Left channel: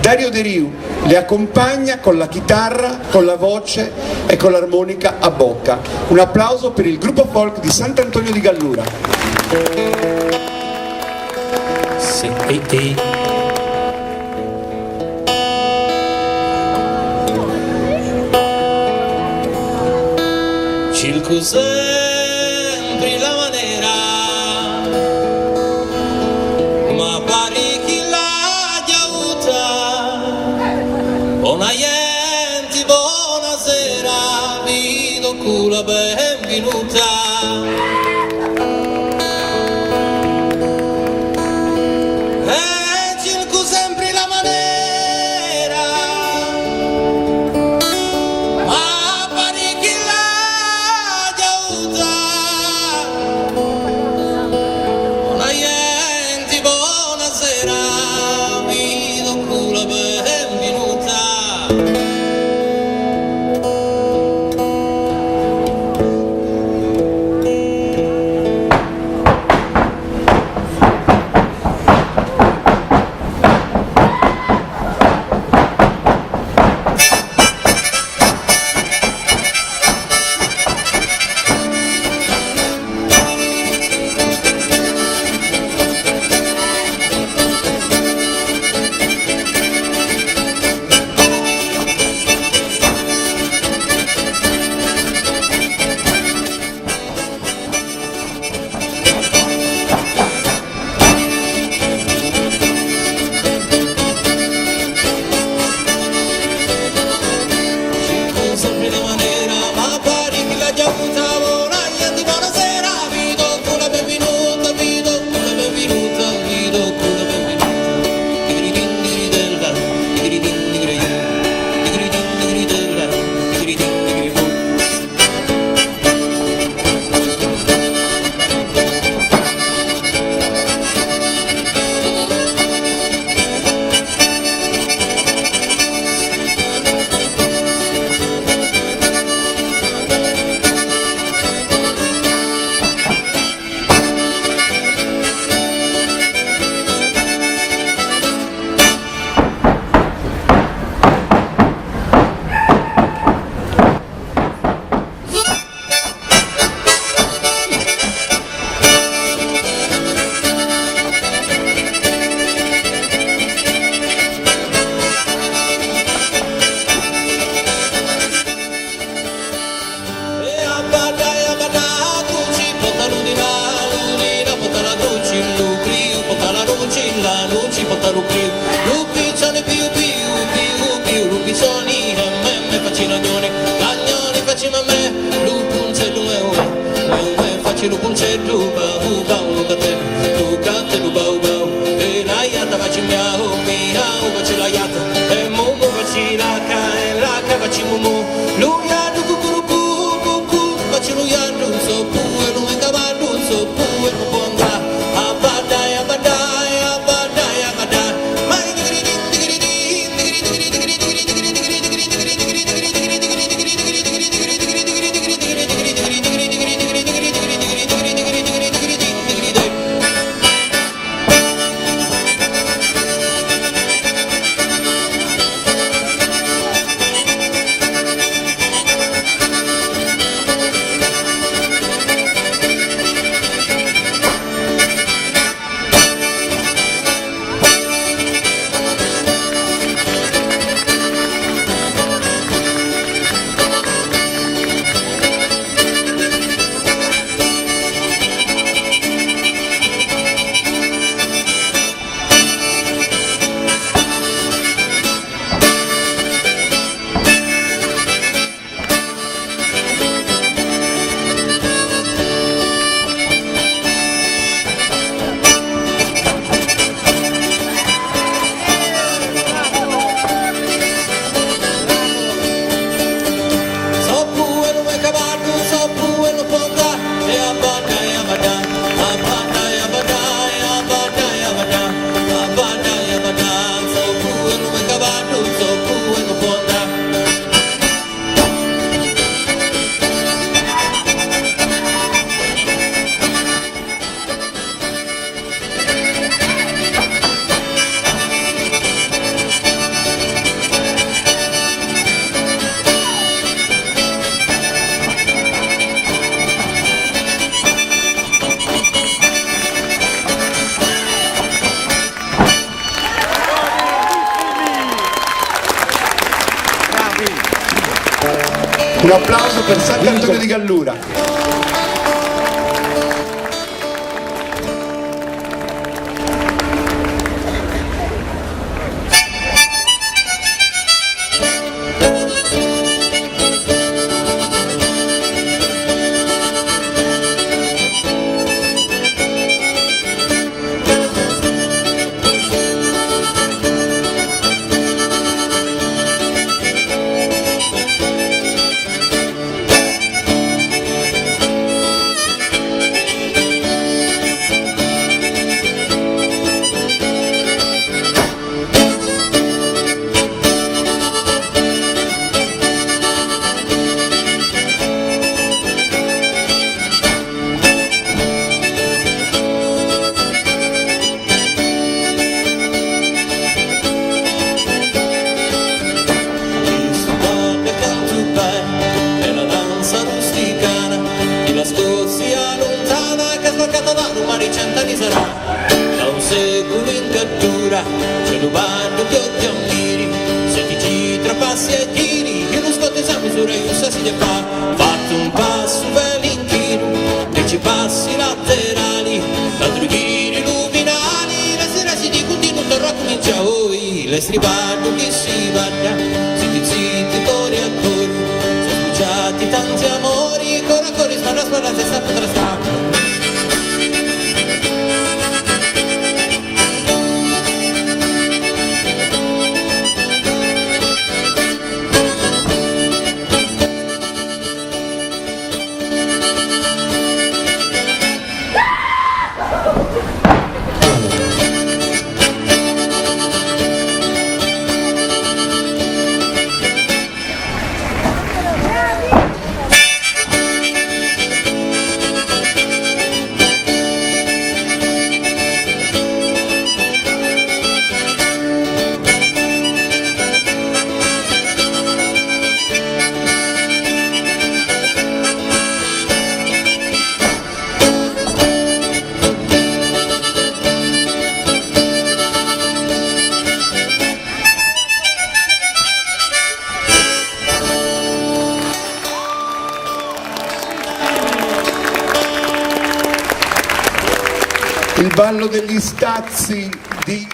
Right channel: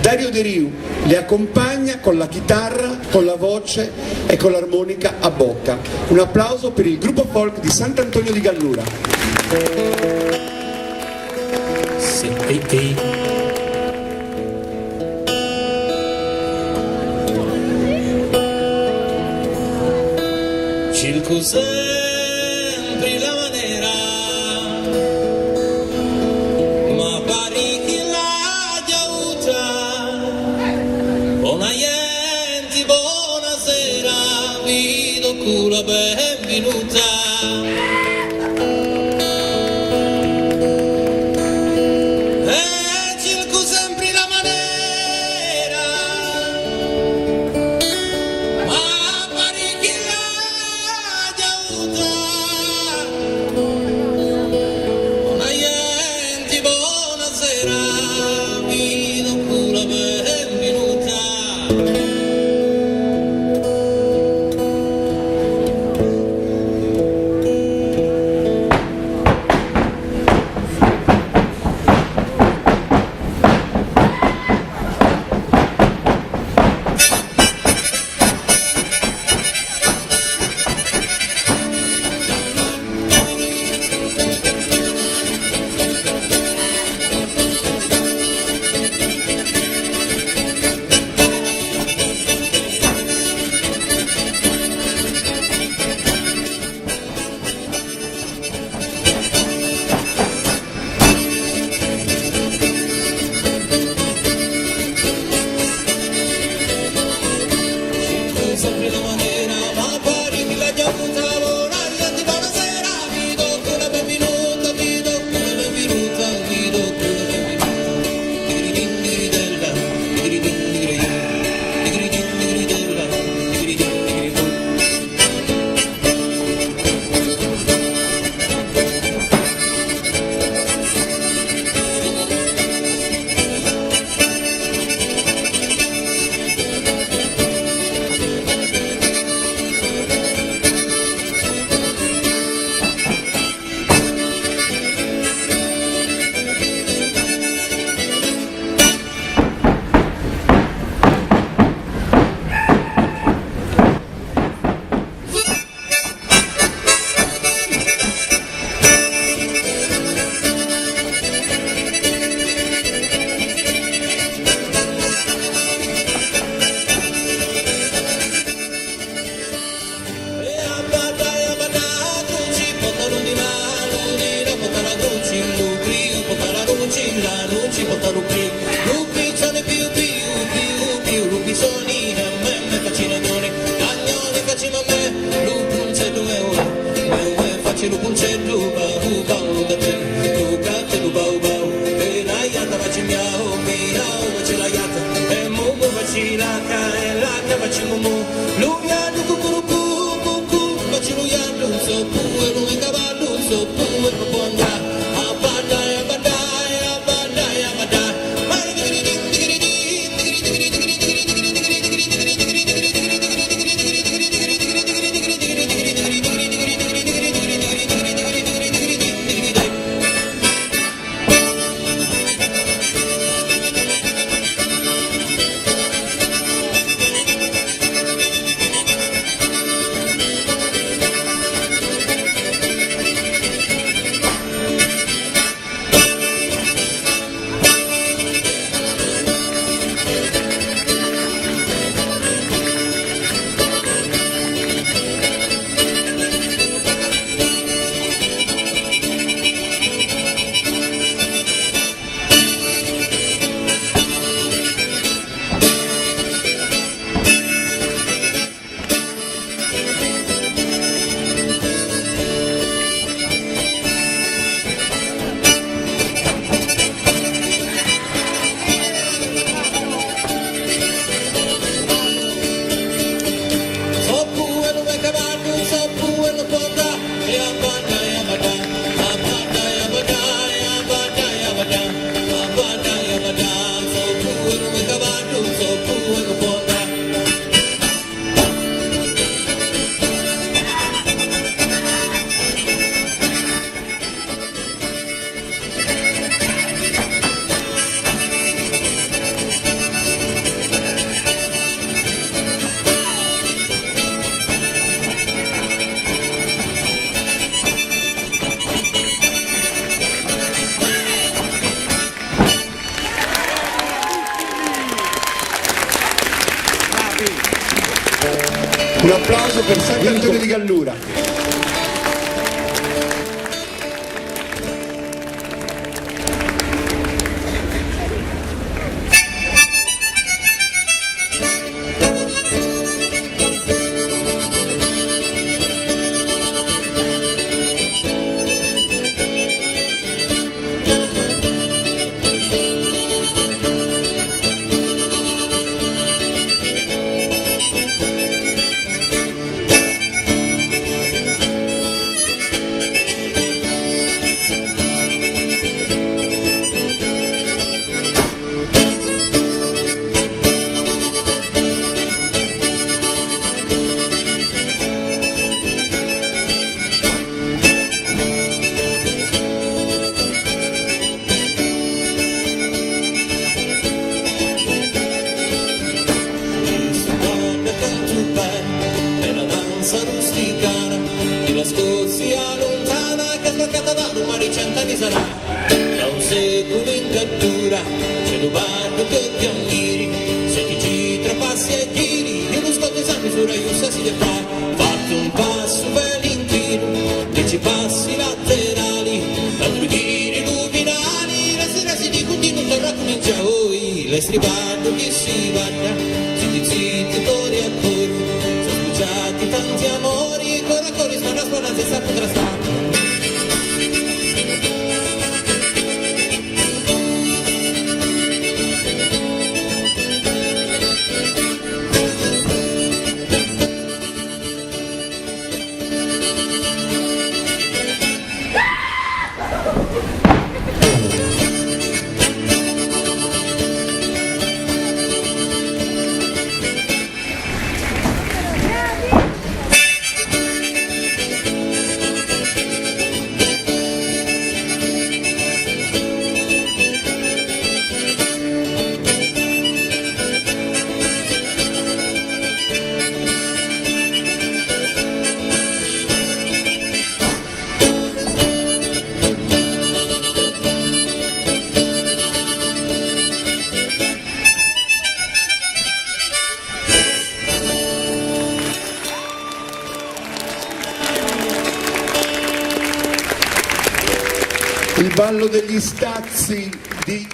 Dario De Riu le accompagna con la chitarra, con la voce e con l'armonica a bocca. Un applauso per il gruppo folk di Sant'Antonio di Gallura. Cerco sempre la maniera, ma pare che la aiuta. Buona gente, buonasera, vi do la benvenuta. Un applauso per Sant'Antonio di Gallura. Cent'anni sarà, da un secolo in cattura, c'è rubato più di ammiri, se ti ci trapassi e tiri, io non scotto esami misura, io sa si fa, fatti un passo per l'inchino, 10 passi laterali, tanto giri luminali, la sera si di continuo, torna comincia oi, le stribando che si vaglia, zitti cori a cori, sono sbucciati tanti amori, cori, spara, se sta potrà stare. Il ballo degli Stazzi di